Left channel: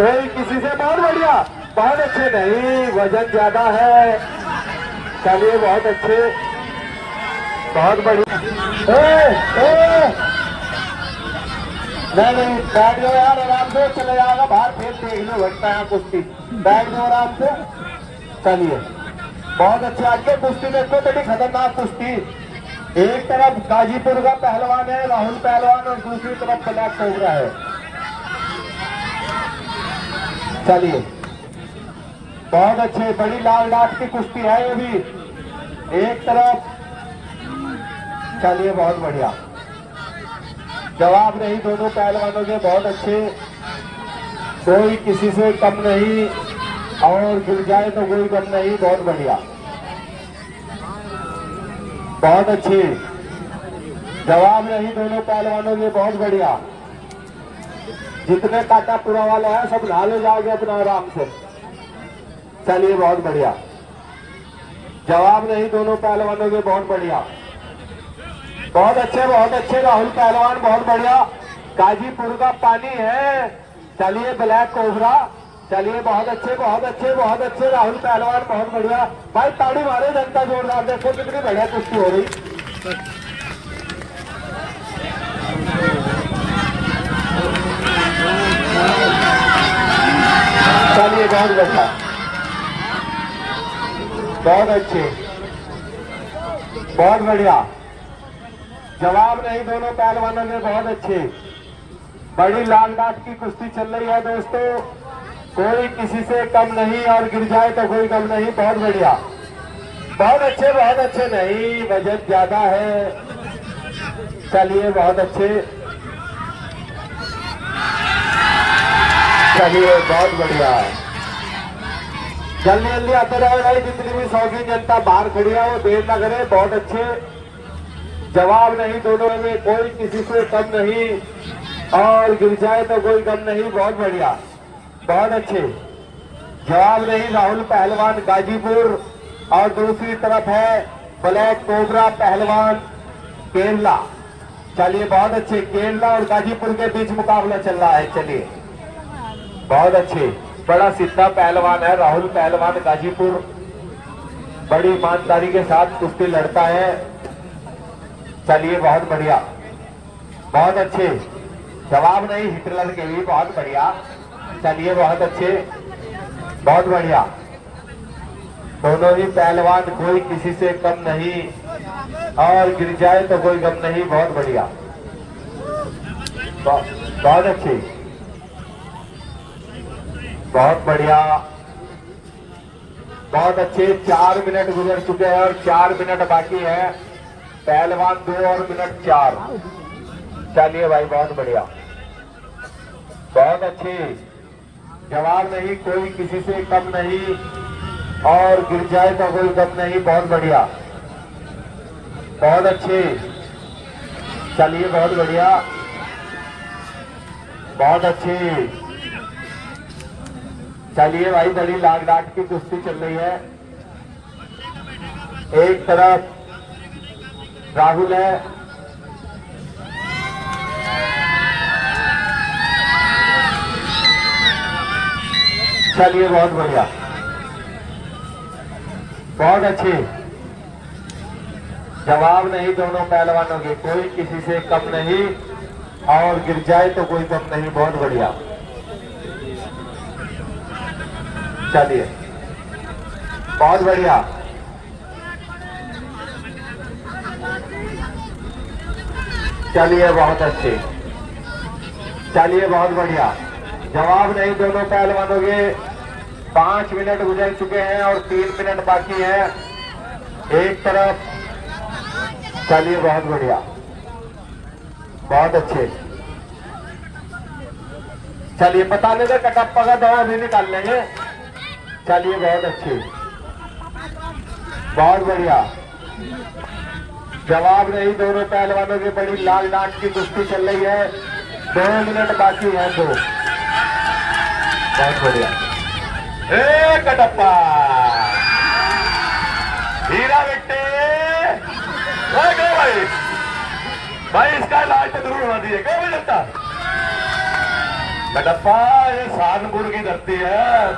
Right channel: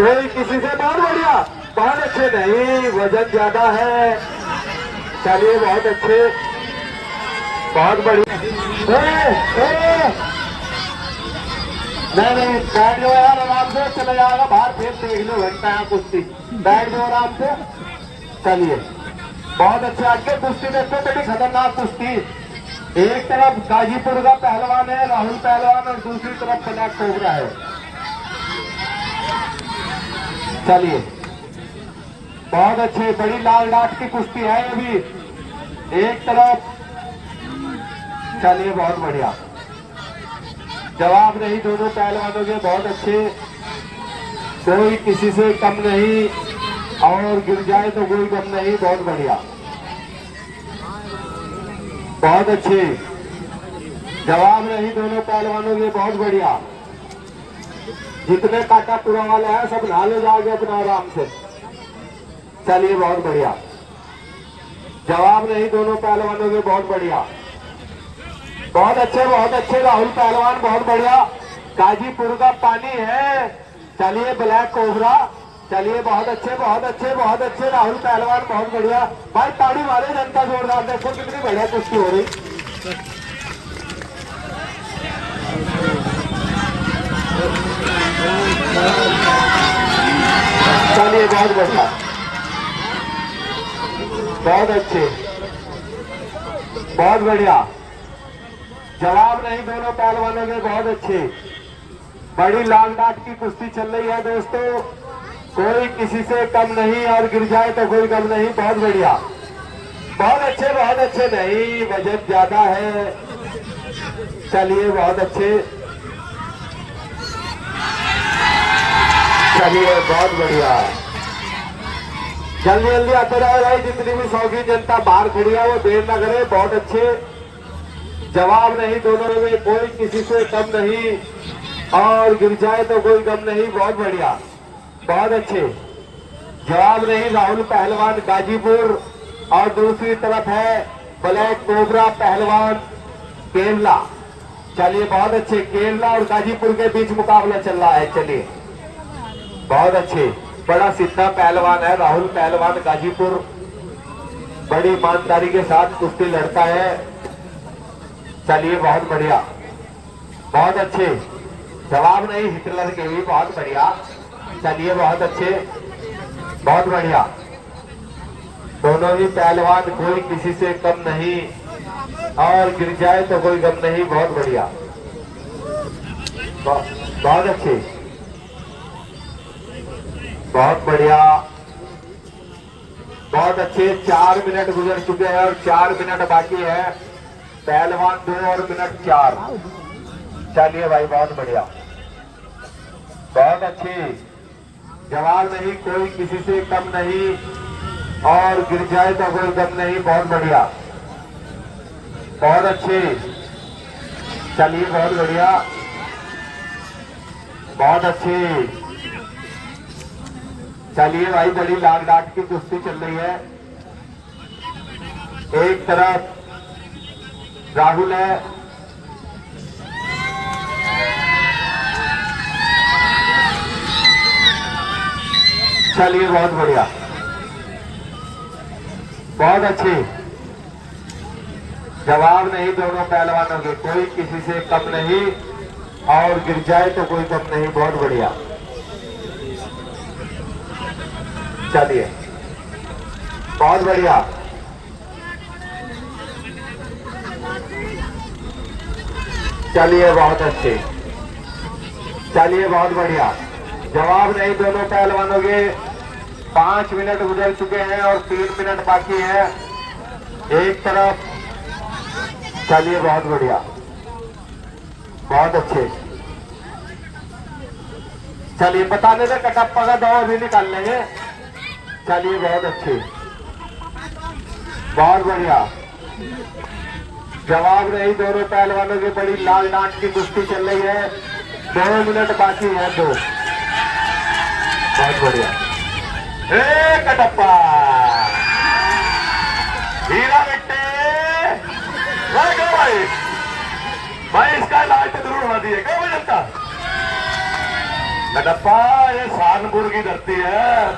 कोई किसी से बहुत बढ़िया, बहुत अच्छे, नहीं वजन ज्यादा है। चलिए बहुत अच्छे, बहुत बढ़िया। नहीं बैठ लो यार, आराम से चला जाएगा बाहर, फिर देख लो घंटा है कुश्ती। बैठ लो आराम से। चलिए बहुत अच्छे। आगे कुश्ती देखो, बड़ी खतरनाक कुश्ती। एक तरफ गाजीपुर का पहलवान है राहुल पहलवान, और दूसरी तरफ ब्लैक कोबरा है। चलिए बहुत अच्छे, बड़ी लाल डाट की कुश्ती है ये भी, एक तरफ। चलिए बहुत बढ़िया, जवाब नहीं दोनों पहलवानों के, बहुत अच्छे, कोई किसी से कम नहीं, और गिर जाए तो कोई कम नहीं, बहुत बढ़िया, बहुत अच्छे, जवाब नहीं दोनों पहलवानों के, बहुत बढ़िया। जितने काटापुरा वाले हैं सब नाले जाओगे अपना आराम से। चलिए बहुत बढ़िया, जवाब नहीं दोनों पहलवानों के, बहुत बढ़िया, बहुत अच्छे राहुल पहलवान, बहुत बढ़िया। गाजीपुर का पानी है। चलिए ब्लैक कोबरा, चलिए बहुत अच्छे राहुल पहलवान, बहुत बढ़िया। भाई ताड़ी मारे जनता जोरदार, देखो कितनी बढ़िया कुश्ती हो रही। चलिए बहुत बढ़िया, बहुत अच्छे, बहुत बढ़िया, जवाब नहीं दोनों पहलवानों के, बहुत अच्छे। बड़ी लाल डाट की कुश्ती चल रही है दोस्तों, कोई किसी से कम नहीं, और गिर जाए तो कोई कम नहीं, बहुत बढ़िया, बहुत अच्छे नहीं वजन ज्यादा है। चलिए बहुत अच्छे, चलिए बहुत बढ़िया, जल्दी जल्दी आते रहे भाई, जितनी भी शौकीन जनता बाहर खड़ी है वो देर न करे, बहुत अच्छे, जवाब नहीं दोनों में, कोई किसी से कम नहीं, और गिर जाए तो कोई कम नहीं, बहुत बढ़िया, बहुत अच्छे, जवाब नहीं राहुल पहलवान गाजीपुर, और दूसरी तरफ है ब्लैक कोबरा पहलवान केरला। चलिए बहुत अच्छे, केरला और गाजीपुर के बीच मुकाबला चल रहा है। चलिए बहुत अच्छे, बड़ा सीधा पहलवान है राहुल पहलवान गाजीपुर, बड़ी ईमानदारी के साथ कुश्ती लड़ता है। चलिए बहुत बढ़िया, बहुत अच्छे, जवाब नहीं हिटलर के लिए, बहुत बढ़िया। चलिए बहुत अच्छे, बहुत बढ़िया, दोनों ही पहलवान, कोई किसी से कम नहीं, और गिर जाए तो कोई कम नहीं, बहुत बढ़िया, बहुत अच्छे, बहुत बढ़िया, बहुत अच्छे। 4 मिनट गुजर चुके हैं और 4 मिनट बाकी है, पहलवान 2 और मिनट 4। चलिए भाई बहुत बढ़िया, बहुत अच्छे, जवाब नहीं कोई किसी से कम नहीं, और गिर जाए तो कोई कम नहीं, बहुत बढ़िया, बहुत अच्छे। चलिए बहुत बढ़िया, बहुत अच्छे। चलिए भाई बड़ी लाल डाट की कुश्ती चल रही है, एक तरफ राहुल है, चलिए बहुत बढ़िया, बहुत अच्छे, जवाब नहीं दोनों पहलवानों के, कोई किसी से कम नहीं, और गिर जाए तो कोई कम नहीं, बहुत बढ़िया। चलिए बहुत बढ़िया, चलिए बहुत अच्छे, चलिए बहुत बढ़िया, जवाब नहीं दोनों पहलवानों के। 5 मिनट गुजर चुके हैं और 3 मिनट बाकी है, एक तरफ। चलिए बहुत बढ़िया, बहुत अच्छे। चलिए बताने दे, कटप्पा का दवा भी निकाल लेंगे। चलिए बहुत अच्छे, बहुत बढ़िया, जवाब नहीं दोनों पहलवानों की, बड़ी लाल डांट की कुश्ती चल रही है, 2 मिनट बाकी है, 2। बहुत बढ़िया, कटप्पा हीरा बेटे, भाई इसका लाल तो जरूर होना चाहिए, क्यों जनता? कटप्पा ये सहारनपुर के की धरती है,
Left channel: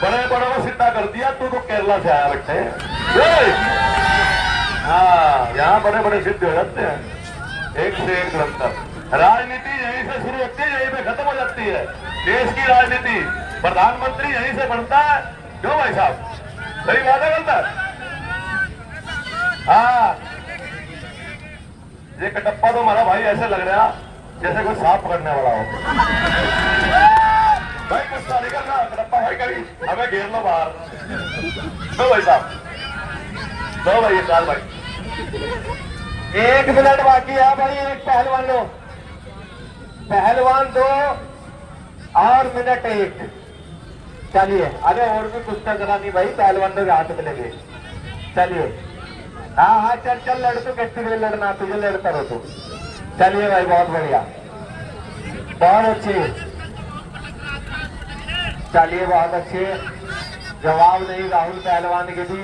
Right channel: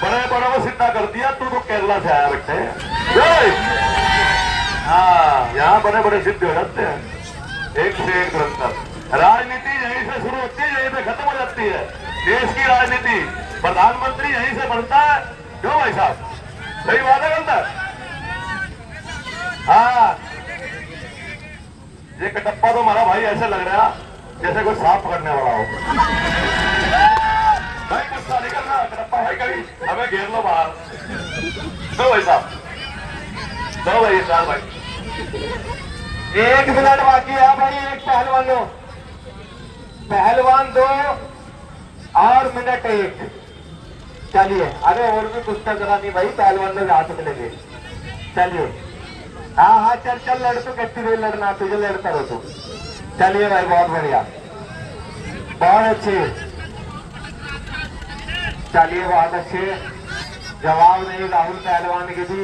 बड़े बड़ों को सीधा कर दिया। तू तो केरला से आया बैठे हैं। हाँ, यहाँ बड़े बड़े सिद्ध होते हैं, एक से एक बनकर। राजनीति यहीं से शुरू होती है, यहीं से खत्म हो जाती है। देश की राजनीति प्रधानमंत्री यहीं से बनता है। क्यों भाई साहब, सही बात है गलत है? हाँ, ये कटप्पा तो हमारा भाई ऐसे लग रहा जैसे कोई सांप पकड़ने वाला हो। भाई गुस्सा नहीं करना, कटप्पा है कभी, हमें घेर लो बाहर। दो भाई साहब, दो भाई, चार भाई। 1 मिनट बाकी है भाई। एक पहलवान लो, पहलवान 2 और मिनट 1। चलिए, अरे और भी कुछ करा नहीं भाई, पहलवान लोग यहाँ तक लगे। चलिए, हाँ हाँ, चल चल लड़, तू कितनी देर लड़ना, तुझे लड़ता रहो तू। चलिए भाई, बहुत बढ़िया, बहुत अच्छे। चलिए, बहुत अच्छे। जवाब नहीं राहुल पहलवान की भी,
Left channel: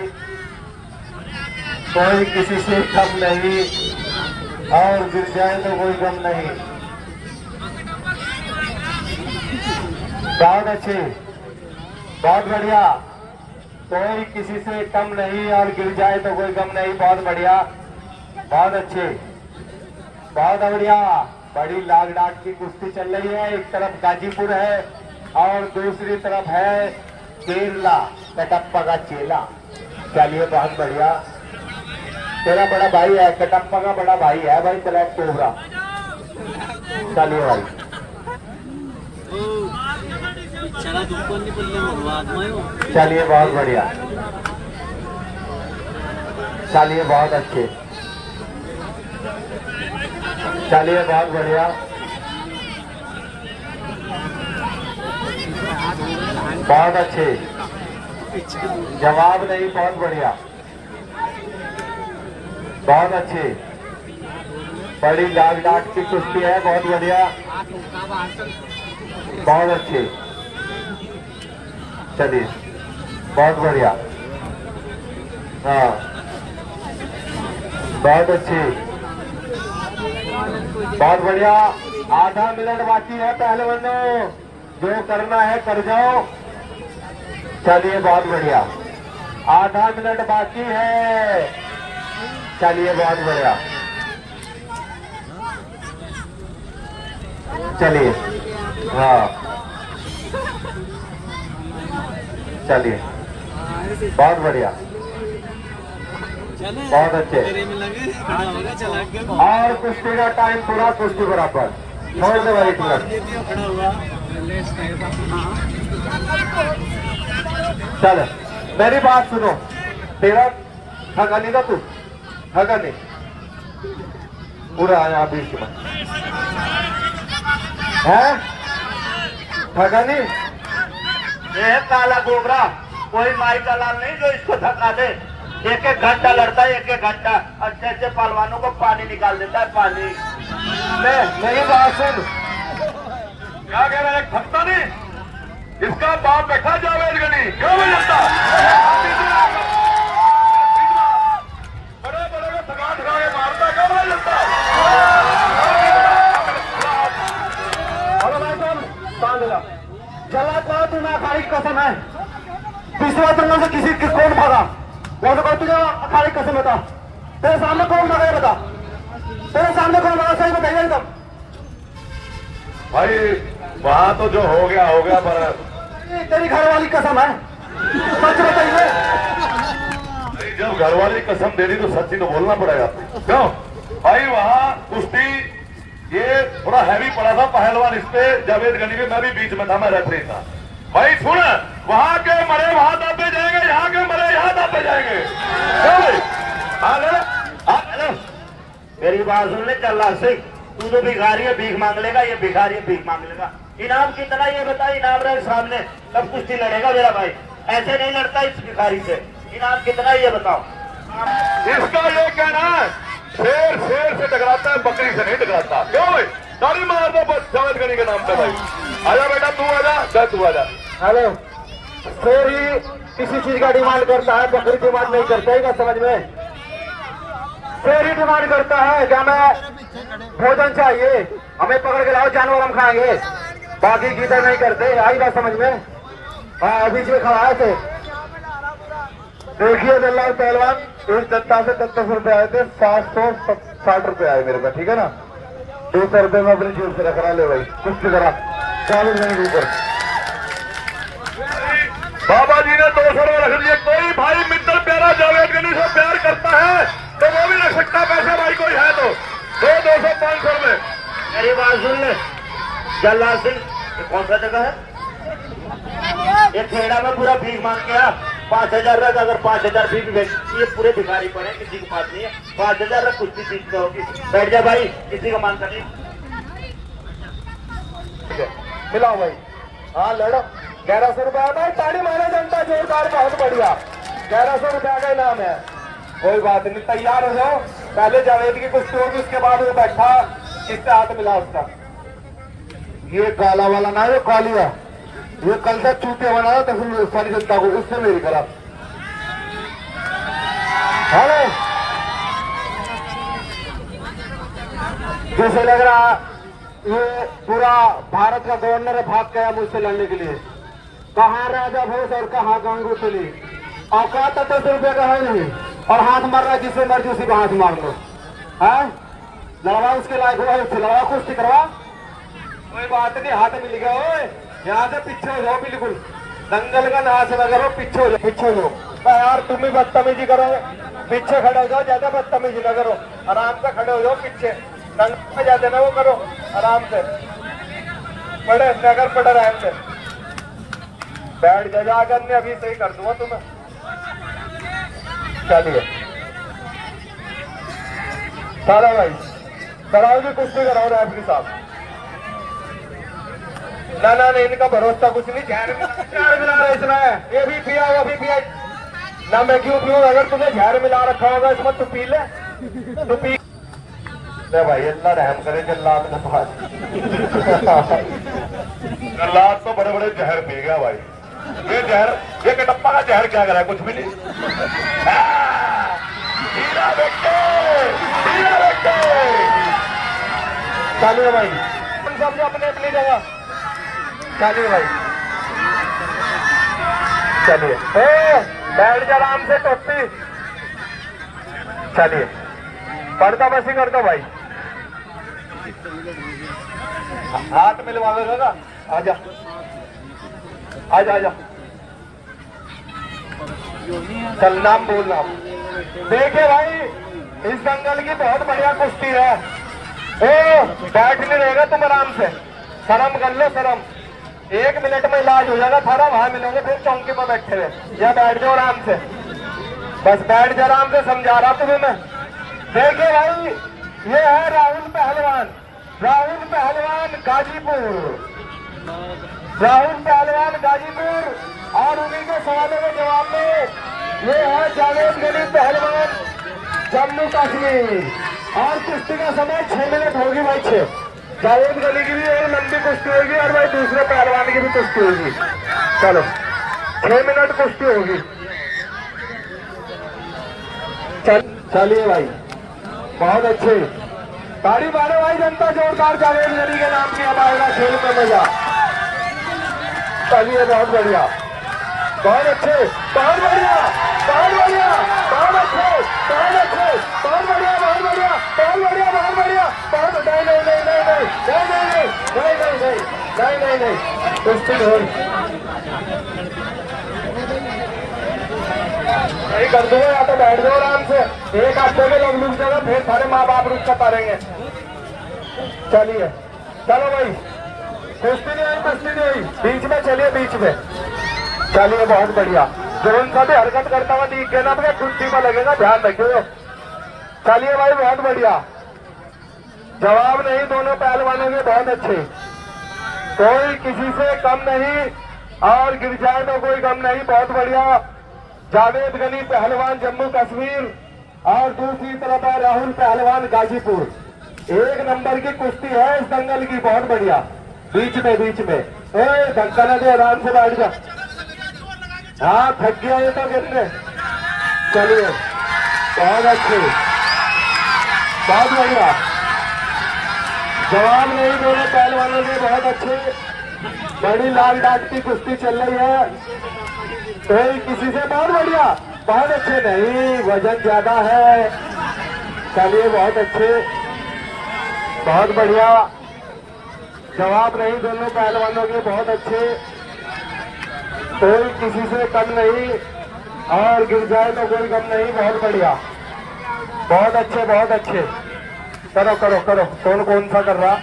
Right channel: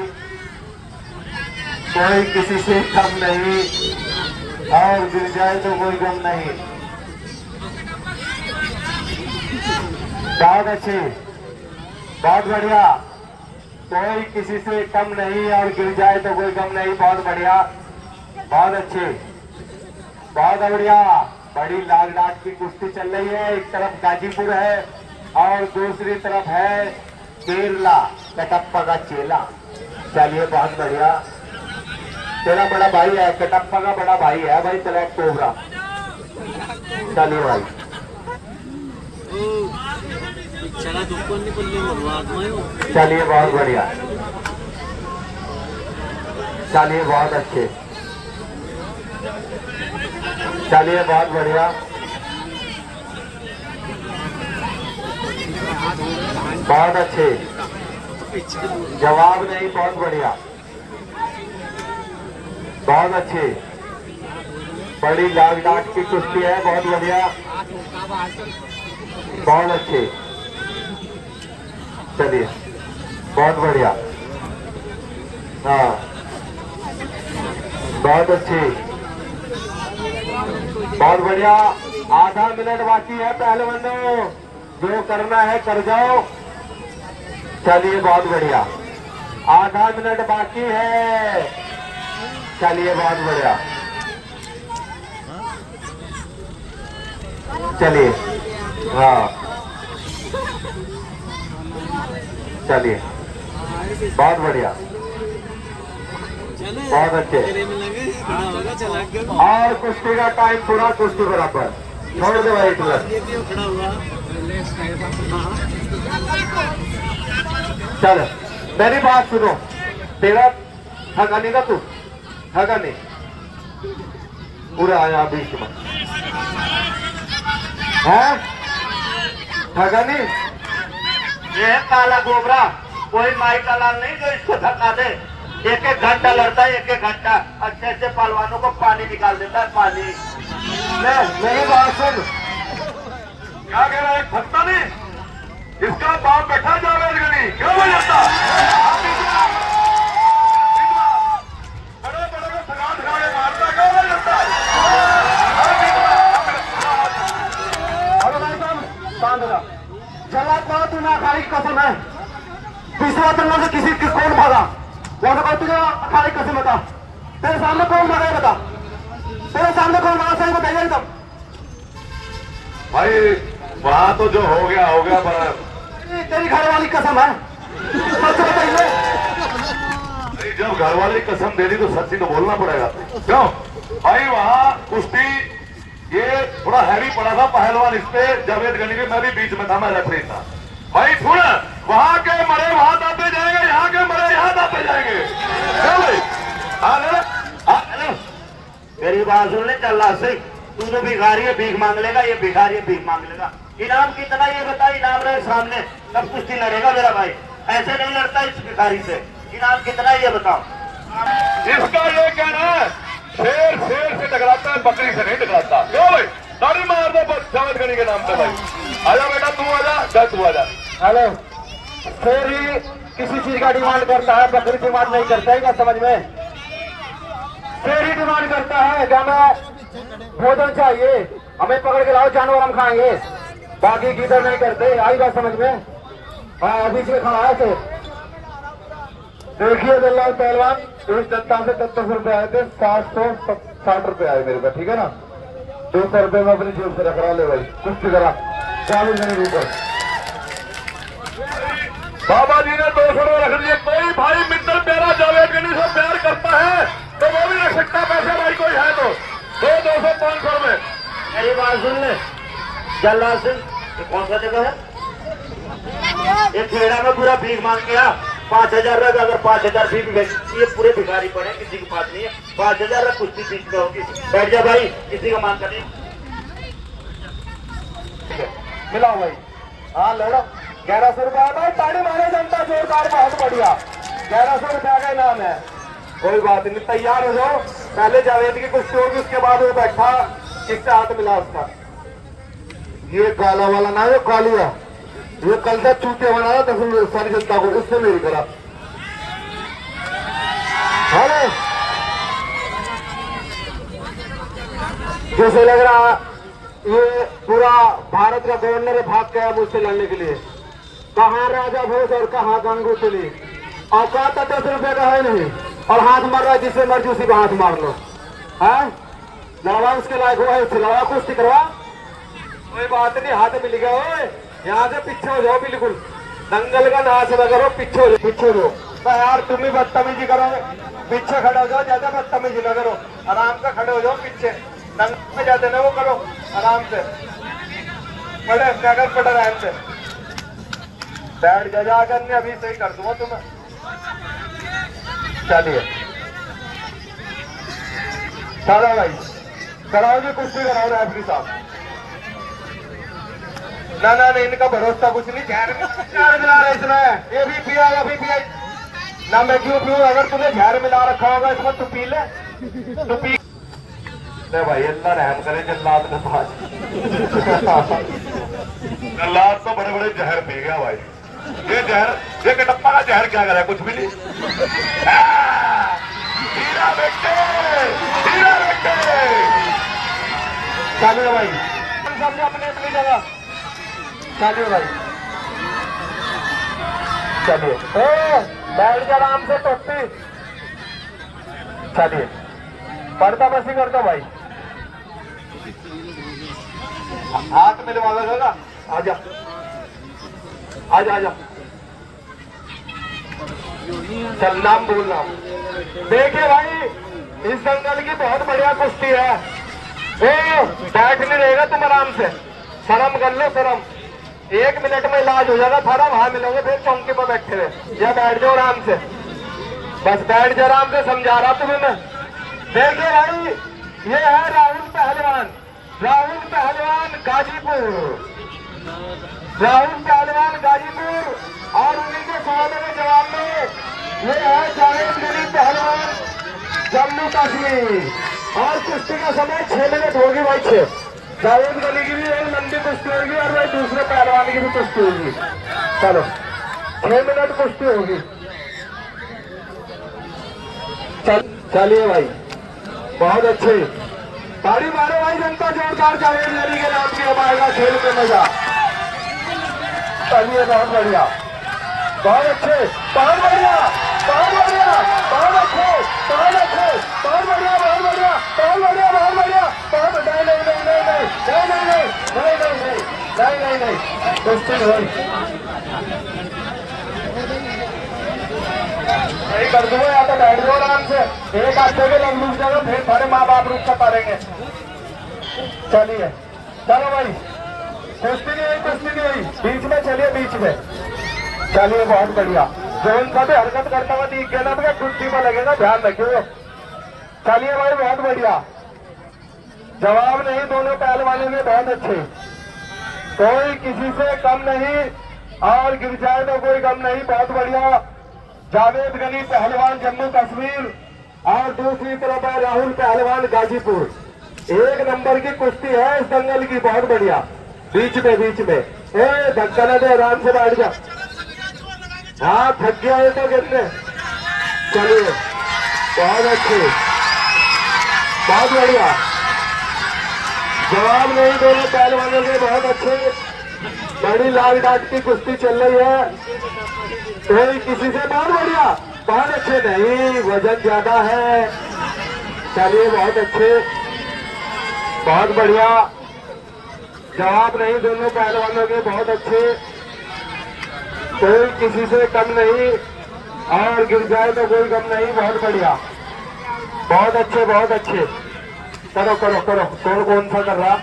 कोई किसी से कम नहीं और गिर जाए तो कोई गम नहीं। बहुत अच्छे, बहुत बढ़िया। कोई किसी से कम नहीं और गिर जाए तो कोई गम नहीं। बहुत बढ़िया, बहुत अच्छे, बहुत बढ़िया। बड़ी लाख लाख की कुश्ती चल रही है। एक तरफ गाजीपुर है और दूसरी तरफ है केरला, कटप्पा का चेला। चलिए, बहुत बढ़िया। तेरा बड़ा भाई है, कटप्पा का बड़ा भाई है भाई, ब्लैक कोबरा। चलिए भाई, चलिए, बहुत बढ़िया। चलिए, बहुत अच्छे। चलिए, बहुत बढ़िया, बहुत अच्छे। जवाब नहीं, बहुत बढ़िया, बहुत अच्छे। बड़ी लाख लाख की कुश्ती है, बहुत बढ़िया, बहुत अच्छे। चलिए, बहुत बढ़िया। हाँ, बहुत अच्छे, बहुत बढ़िया। आधा मिनट बाकी है पहलवानों, जो करना है कर जाओ। चलिए, बहुत बढ़िया, आधा मिनट बाकी है। चलिए, बहुत बढ़िया। चलिए, हाँ, चलिए, बहुत बढ़िया, बहुत अच्छे। और कुश्ती का टाइम पूरा, कुश्ती बराबर। छोड़ दो भाई तुरंत। चल, मेरी बात सुनो, तेरा हगानी का तू हगानी पूरा आया बीच में है। हगानी ये है काला गोबरा, कोई माई का लाल नहीं जो इसको थका दे। एक एक घंटा लड़ता है, एक एक घंटा अच्छे अच्छे पहलवानों को पानी निकाल देता है। पानी मेरी बात सुन, क्या कह रहा है? थकता नहीं, इसका बाप बैठा जावेद गनी। क्यों नहीं लगता? बड़े बड़े को थका थका के मारता, क्यों नहीं लगता? हेलो भाई साहब, जला को तू ना अखाड़े की कसम है। तीसरा तुम से किसी की कौन भागा? वहां तो तुझे अखाड़े की कसम बता, तेरे सामने कौन भागा बता, तेरे सामने कौन भागा? सही बताइए एकदम भाई, वहां तो जो हो गया पर तेरी घरवाली कसम है, सच बताइए। जब घरवाली कसम दे दी तो सच्ची तो बोलना पड़ेगा। क्यों भाई, वहां कुश्ती ये थोड़ा हैवी पड़ा था, पहलवान इस पे जावेद गनी में, मैं भी बीच में था, मैं रेफरी था। भाई सुन, वहां के मरे वहां दाते जाएंगे, यहाँ के मरे यहाँ दाते जाएंगे। मेरी बात सुन ले, चल सिख, तू तो भिखारी है, भीख मांग लेगा, ये भिखारी है, भीख मांग लेगा। इनाम कितना ये बता, इनाम रहे सामने, तब कुश्ती लड़ेगा मेरा भाई। ऐसे नहीं लड़ता इस भिखारी से। इनाम कितना ये बताओ। इसका ये कहना है, शेर शेर से टकराता है, बकरी से नहीं टकराता। क्यों भाई, ताली मार दो जावेद गनी के नाम पे। भाई आजा बेटा, तू आजा, तू आजा। हेलो, शेर ही किसी चीज का डिमांड करता है, बकरी डिमांड नहीं करता है, क्या समझ में? शेर ही डिमांड करता है कि हमें भोजन चाहिए, हमें पकड़ के लाओ, जानवर हम खाएंगे, बाकी की तो नहीं करते। आई बात समझ में? हाँ बीच में खड़ा है तो देखिए जल्लाल पहलवान, इस जनता से 10 रुपए आए थे, 760 रुपए आए मेरे को, ठीक है ना। 200 रुपए में अपनी जेब से रख रहा, ले भाई कुछ करा 40 मिनट ऊपर। बाबा जी ने 200 रुपए रख लिए। कोई भाई मित्र प्यारा जावेद गनी से प्यार करता है तो वो भी रख सकता पैसे, भाई कोई है तो 200 500 रुपए। मेरी बात सुन ले जल्लाल सिंह, कौन सा जगह है ये? खेड़ा में पूरा भीख मांग के आ 5,000 रुपए। अगर 5,000 भीख ये पूरे भिखारी पड़े, किसी के पास नहीं है। 5,000 रुपए कुछ भी चीज होगी। बैठ जा भाई, किसी का मानता नहीं। मिलाओ भाई, हाँ लड़ो। 1100 रुपया भाई, ताली मारे जनता जोरदार, बहुत बढ़िया। 1100 रुपया का इनाम है। कोई बात नहीं, तैयार हो जाओ। पहले जावेद की कुश्ती होगी, उसके बाद वो बैठा इससे हाथ मिला उसका। ये काला वाला ना, ये कालिया, ये कल से चूतिया बनाया तो सारी जनता को, उससे मेरी करा। हेलो, जैसे लग रहा ये पूरा भारत का गवर्नर भाग गया मुझसे लड़ने के लिए। कहाँ राजा भोज और कहाँ गंगू तुली, औकात तो 10 रुपये का है नहीं, और हाथ मार रहा है जिसे मर्जी उसी का हाथ मार लो। हाँ लड़वा उसके लायक हुआ, उससे लड़वा कुश्ती करवा। कोई बात नहीं, हाथ मिल गया। ओए यहाँ से पीछे हो जाओ, बिल्कुल दंगल का नाच न करो, पीछे हो जाओ, पीछे हो जाओ। यार तुम ही बदतमीजी करो, पीछे खड़े हो जाओ, ज्यादा बदतमीजी न करो, आराम से खड़े हो जाओ पीछे। दंगल में जाते ना वो करो, आराम से पड़े नगर पड़े आराम से बैठ जा। जाकर मैं अभी सही कर दूंगा तुम्हें। चलिए चलो भाई, कराओ जी कुश्ती, कराओ ना आपकी साहब। ना ना नहीं, इनका भरोसा कुछ नहीं। जहर मिला रहा इतना है, ये भी पिया भी पिया ना। मैं क्यों पीऊँ? अगर तुमने जहर मिला रखा होगा इसमें, तू पी ले, तू पी ले भाई। अल्लाह रहम करे जल्लाद के साथ। जल्लाद तो बड़े बड़े जहर पी गया भाई। ये जहर, ये कटप्पा का जहर क्या करा? कुछ भी नहीं। हीरा बेटे, हीरा बेटे। चलिए भाई, सब अपने अपनी जगह। चलिए भाई, चलिए बैठ जा आराम से टोपी। चलिए पर्दा बसी कर दो भाई, हाथ मिलवा लो ना। आजा आजा आजा, चल नाम बोलना। देखिए भाई, इस दंगल की बहुत बढ़िया कुश्ती है। ओ बैठ नहीं रहेगा तुम, आराम से शर्म कर लो, शर्म। 1 मिनट में इलाज हो जाएगा थारा, वहां मिलेंगे फिर चौकी पर बैठे हुए। या बैठ जाओ आराम से, बस बैठ जाओ आराम से, समझा रहा तुम्हें मैं। देखिए भाई, ये है राहुल पहलवान, राहुल पहलवान गाजीपुर, राहुल पहलवान गाजीपुर। और उन्हीं के सवालों के जवाब में ये है जावेद गनी पहलवान जम्मू कश्मीर। और कुश्ती का समय 6 मिनट होगी भाई, 6। जावेद गनी की भी और लंबी कुश्ती होगी, और भाई दूसरे पहलवान की भी कुश्ती होगी। चलो 6 मिनट कुश्ती होगी। चलिए भाई, बहुत अच्छे, ताड़ी मारो भाई जनता जोरदार। जावेद गनी के नाम की हमारा खेल का मजा। चलिए बहुत बढ़िया, बहुत अच्छे, बहुत बढ़िया, बहुत बढ़िया, बहुत अच्छे, बहुत अच्छे, बहुत बढ़िया, बहुत बढ़िया, बहुत बढ़िया, बहुत बढ़िया, बहुत। नहीं नहीं नहीं नहीं नहीं नहीं नहीं नहीं नहीं नहीं नहीं, कुश्ती नहीं कर दो, या तो बैठ दो आराम से। एक हफ्ते में लोग लूट जाएगा, फिर सारे माँ बाप रुक कर पारेंगे। चलिए चलो भाई, कुश्ती नहीं हुई, कुश्ती नहीं हुई, बीच में चलिए, बीच में चलिए, बहुत बढ़िया। जोन सा भी हरकत करता हुआ दिख गया ना तो कुश्ती में लगेगा, ध्यान रखिए। चलिए भाई, बहुत बढ़िया, जवाब नहीं दोनों पहलवानों के, बहुत अच्छे। कोई किसी से कम नहीं, और गिर जाए तो कोई गम नहीं, बहुत बढ़िया। जावेद गनी पहलवान जम्मू कश्मीर, और दूसरी तरफ है राहुल पहलवान गाजीपुर। 1 नंबर की कुश्ती है इस दंगल की, बहुत बढ़िया। बीच में, बीच में, ओए धक्का न दे, आराम से बैठ जा। हाँ थक गया है तो गिरने। चलिए बहुत अच्छे, बहुत बढ़िया, जवाब नहीं दोनों पहलवानों के, बहुत अच्छे। बड़ी लाल डाट की कुश्ती चल रही है। कोई किसी से बहुत बढ़िया, बहुत अच्छे, नहीं वजन ज्यादा है। चलिए बहुत अच्छे, बहुत बढ़िया, जवाब नहीं दोनों पहलवानों के, बहुत अच्छे, कोई किसी से कम नहीं और गिर जाए तो कोई कम नहीं, बहुत बढ़िया, बहुत अच्छे, बहुत अच्छे। करो करो करो, कौन कौन सा कर रहा,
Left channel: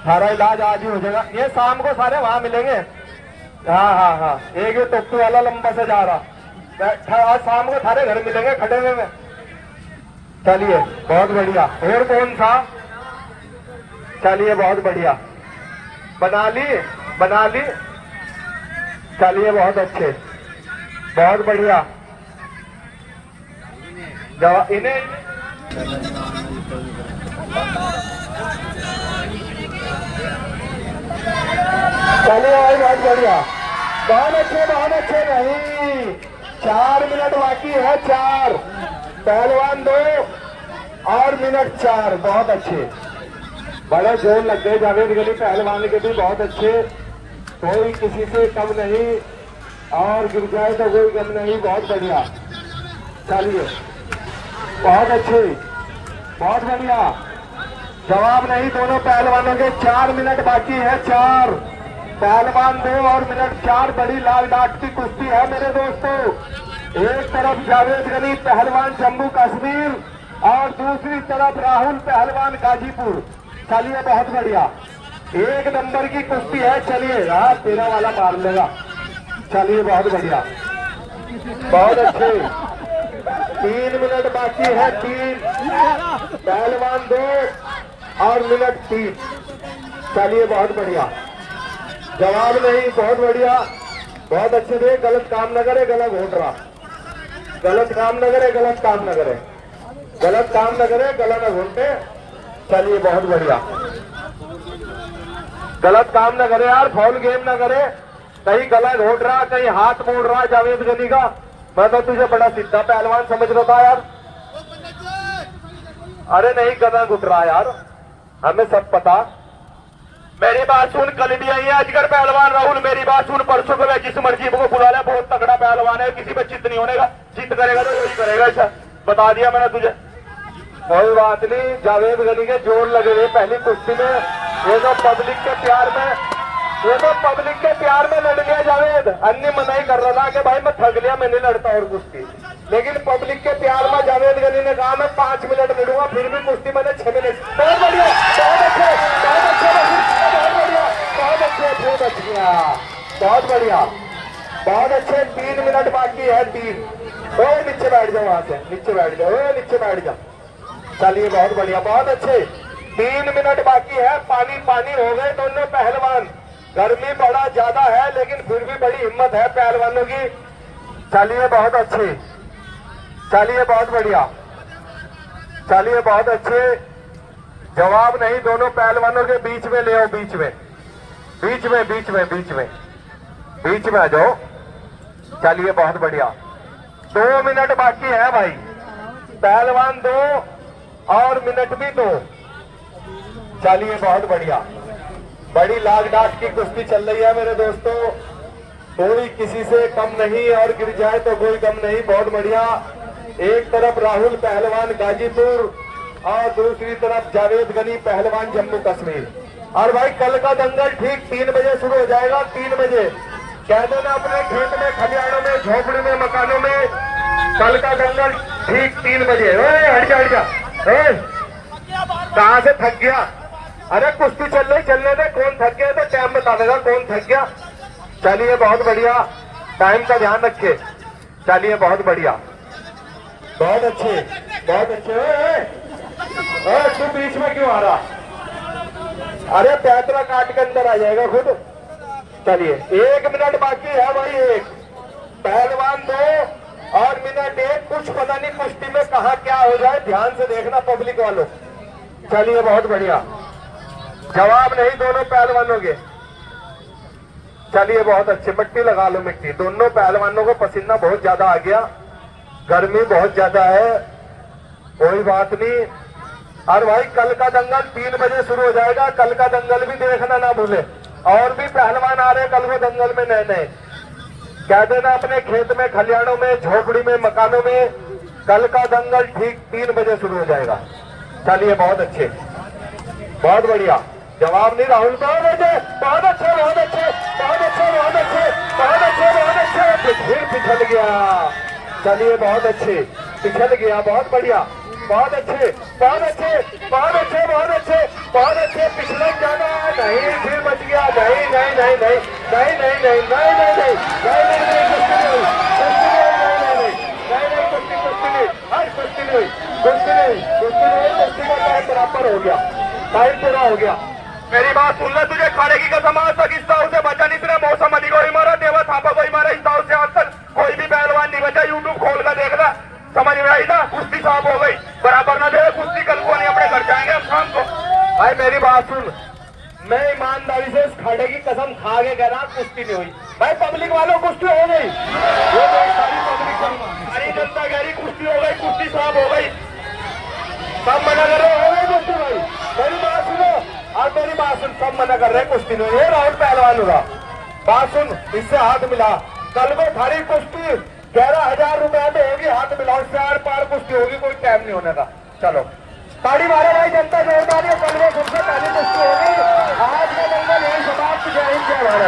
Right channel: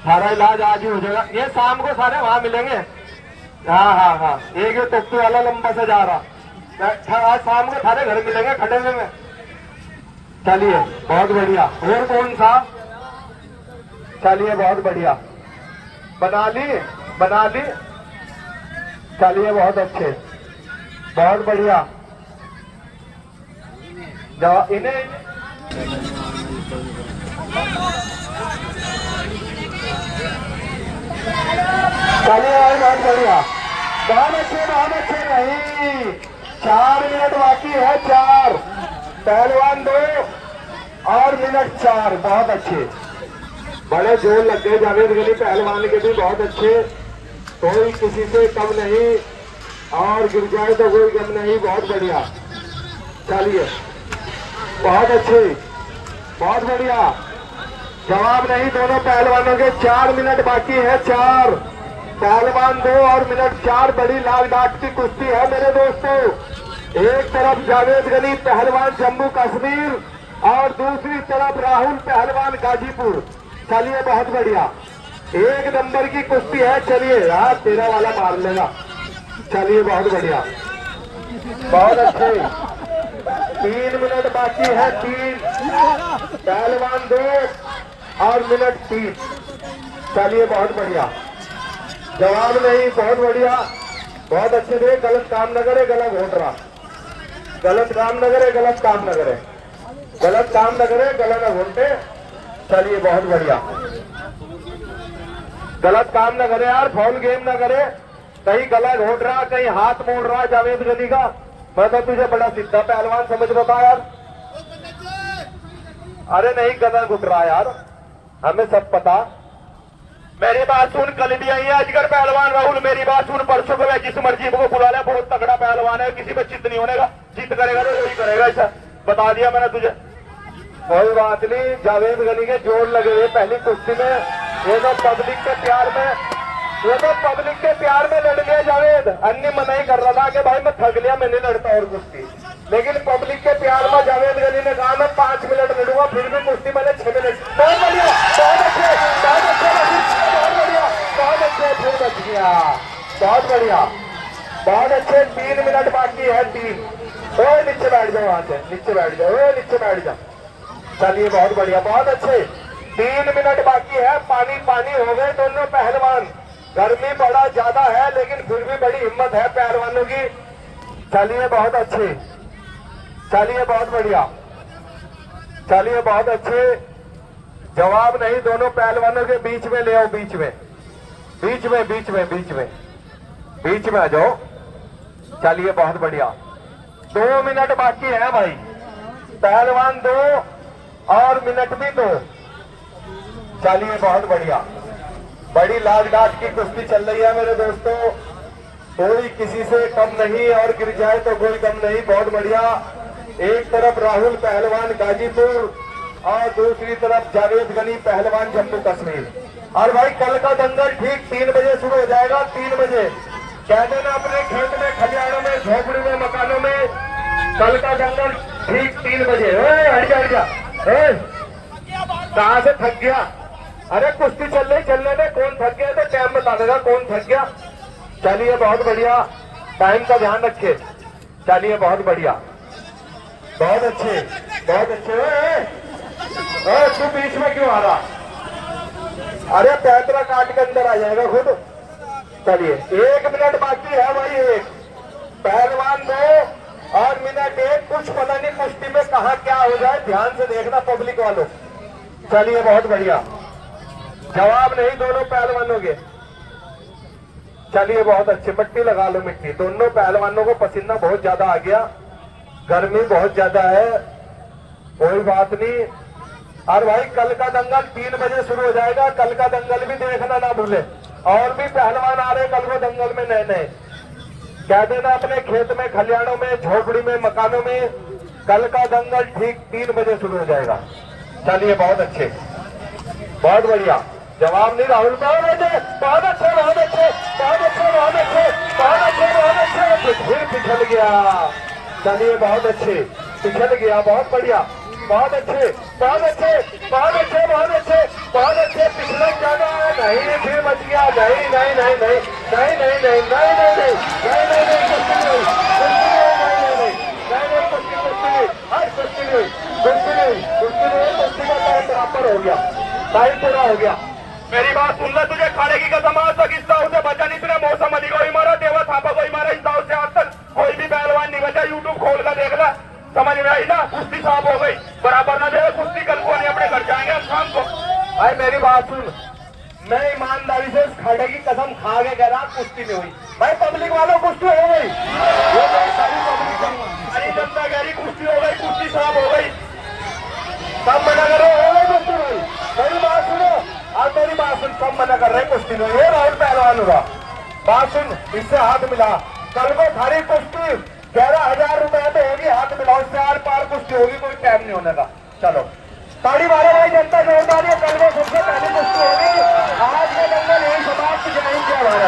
सारा इलाज आज ही हो जाएगा। ये शाम को सारे वहां मिलेंगे। हाँ हाँ हाँ, एक ये टोपी वाला लंबा सा जा रहा, आज शाम को सारे घर मिलेंगे खड़े हुए में। चलिए बहुत बढ़िया, और कौन सा, चलिए बहुत बढ़िया, बना ली, बना ली, चलिए बहुत अच्छे, बहुत बढ़िया, इन्हें चलिए भाई बहुत बढ़िया, बहुत अच्छे, बहुत अच्छे, नहीं 4 मिनट बाकी है, 4 पहलवान 2 और मिनट 4, बहुत अच्छे, बड़े जोर लग गए जावेद गनी पहलवान के भी, बहुत अच्छे, कोई किसी से कम नहीं और गिर जाए तो कोई कम नहीं, बहुत बढ़िया, चलिए बहुत अच्छे, बहुत बढ़िया, जवाब नहीं दोनों पहलवानों के, 4 मिनट बाकी है, 4 पहलवान 2 और मिनट 4, बड़ी लाल डाट की कुश्ती है मेरे दोस्तों। एक तरफ जावेद गनी पहलवान जम्मू कश्मीर और दूसरी तरफ राहुल पहलवान गाजीपुर। चलिए बहुत बढ़िया, 1 नंबर की कुश्ती है। चलिए यार, तेरा वाला मार लेगा। चलिए बहुत बढ़िया, बहुत अच्छे, 3 मिनट बाकी है, 3 पहलवान 2 और मिनट 3। चलिए बहुत बढ़िया, जवाब नहीं, बहुत बढ़िया, बहुत अच्छे थे, गलत काम न करे, गलत घोट रहा, गलत काम न करे, गलत काम न करे, गलत काम न करे, गलत न घोटे। चलिए बहुत बढ़िया, गलत काम न करे यार, फाउल गेम न करे, कहीं गला घोट रहा, कहीं हाथ मोड़ रहा जावेद गनी का। मैं तो तुझे बड़ा सीधा पहलवान समझ रहा था यार। अरे नहीं, गला घुट रहा यार, हमें सब पता। मेरी बात सुन, कल भी आई है अजगर पहलवान राहुल, मेरी बात सुन, परसों को जिस मर्जी को बुला ले, बहुत तगड़ा पहलवान है, किसी पे चित नहीं होने का, चित करेगा तो यही करेगा, ऐसा बता दिया मैंने तुझे। कोई बात नहीं, जावेद गनी के जोर लगे हुए पहली कुश्ती में, ये तो पब्लिक के प्यार में, ये तो पब्लिक के प्यार में लड़ गया जावेद। अन्य मना ही कर रहा था कि भाई मैं थक गया, मैं नहीं लड़ता और कुश्ती, लेकिन पब्लिक के प्यार में जावेद गनी ने कहा मैं 5 मिनट लड़ूंगा, फिर भी कुश्ती मैंने 6 मिनट। बहुत बढ़िया, बहुत अच्छे, बहुत अच्छे, बहुत बढ़िया, बहुत अच्छे, बहुत बढ़िया, बहुत बढ़िया, बहुत अच्छे, 3 मिनट बाकी है, 3। ओ नीचे बैठ जाओ, वहां से नीचे बैठ जाओ, ओ नीचे बैठ जाओ। चलिए बहुत बढ़िया, बहुत अच्छे, 3 मिनट बाकी है, पानी पानी हो गए दोनों पहलवान। गर्मी बड़ा ज्यादा है लेकिन फिर भी बड़ी हिम्मत है पहलवानों की। चलिए बहुत अच्छे, चलिए बहुत बढ़िया, चलिए बहुत अच्छे, जवाब नहीं दोनों पहलवानों के, बीच में ले आओ, बीच में, बीच में, बीच में, बीच में, बीच में आ जाओ। चलिए बहुत बढ़िया, 2 मिनट बाकी है भाई, पहलवान 2 और मिनट भी 2। चलिए बहुत बढ़िया, बड़ी लाल डाट की कुश्ती चल रही है मेरे दोस्तों, कोई किसी से कम नहीं और गिर जाए तो कोई कम नहीं, बहुत बढ़िया। एक तरफ राहुल पहलवान गाजीपुर और दूसरी तरफ जावेद गनी पहलवान जम्मू कश्मीर। और भाई कल का दंगल ठीक 3 बजे शुरू हो जाएगा, 3 बजे कह दो ना अपने खेत में, खलिहानों में, झोपड़ी में, मकानों में, कल का दंगल ठीक 3 बजे। हट जा, हट जा, कहां से थक गया? अरे कुश्ती चल रही, चलने में, कौन थक गया तो टाइम बता देगा कौन थक गया। चलिए बहुत बढ़िया, टाइम का ध्यान रखिए। चलिए बहुत बढ़िया, बहुत अच्छे, बहुत अच्छे। तू बीच में क्यों आ रहा? अरे पैतरा काट के अंदर आ जाएगा खुद। चलिए 1 मिनट बाकी है भाई, 1 पहलवान 2 और मिनट 1। कुछ पता नहीं कुश्ती में कहा क्या हो जाए, ध्यान से देखना पब्लिक वालों। चलिए बहुत बढ़िया, जवाब नहीं दोनों पहलवानों के। चलिए बहुत अच्छे, मिट्टी लगा लो, मिट्टी। दोनों पहलवानों को पसीना बहुत ज्यादा आ गया, गर्मी बहुत ज्यादा है, कोई बात नहीं। और भाई कल का दंगल 3 बजे शुरू हो जाएगा, कल का दंगल भी देखना ना भूले। और भी पहलवान आ रहे कल को दंगल में नए नए। कह देना अपने खेत में, खलियानों में, झोपड़ी में, मकानों में, कल का दंगल ठीक 3 बजे शुरू हो जाएगा। चलिए बहुत अच्छे, बहुत बढ़िया। जवाब नहीं राहुल, बहुत अच्छे, बहुत अच्छे, बहुत अच्छे, बहुत अच्छे, बहुत अच्छे, बहुत अच्छे, बहुत अच्छे। फिर पिछल गया। चलिए बहुत अच्छे, पिछल गया, बहुत बढ़िया, बहुत अच्छे, बहुत अच्छे, बहुत अच्छे, बहुत अच्छे, बहुत अच्छे। पिछले क्या नहीं, फिर बच गया। नहीं नहीं नहीं नहीं नहीं नहीं नहीं नहीं नहीं नहीं बराबर हो गया, टाइम पूरा हो गया। मेरी बात सुन ले, तुझे खाने की कसम, आज तक इस दाव से बचा नहीं। तूने मौसम अली को ही मारा, देवा थापा को ही मारा। इस दाव से आज तक कोई भी पहलवान नहीं बचा। यूट्यूब खोल कर देखना, समझ में आई ना। कुश्ती साफ हो गई, बराबर में दे कुश्ती। कल को नहीं अपने घर जाएंगे हम शाम को। भाई मेरी बात सुन, मैं ईमानदारी से इस खाने की कसम खा के कह रहा, कुश्ती नहीं हुई। भाई पब्लिक वालों कुश्ती हो गई, ये सारी पब्लिक सारी जनता कह रही कुश्ती हो गई, कुश्ती साफ हो गई। सब मना कर रहे हो गई कुश्ती भाई। मेरी बात सुनो, आज मेरी बात सुन, सब मना कर रहे हैं कुश्ती नहीं। ये राहुल पहलवान होगा, बात सुन, इससे हाथ मिला। कल को थारी कुश्ती 11,000 रुपए तो होगी, हाथ मिलाओ, इससे आर पार कुश्ती होगी, कोई टाइम नहीं होने का। चलो ताड़ी मारो भाई, जनता जोरदार है। कल को सबसे पहली कुश्ती होगी। आज का दंगल यही सदा जय हिंद जय भारत।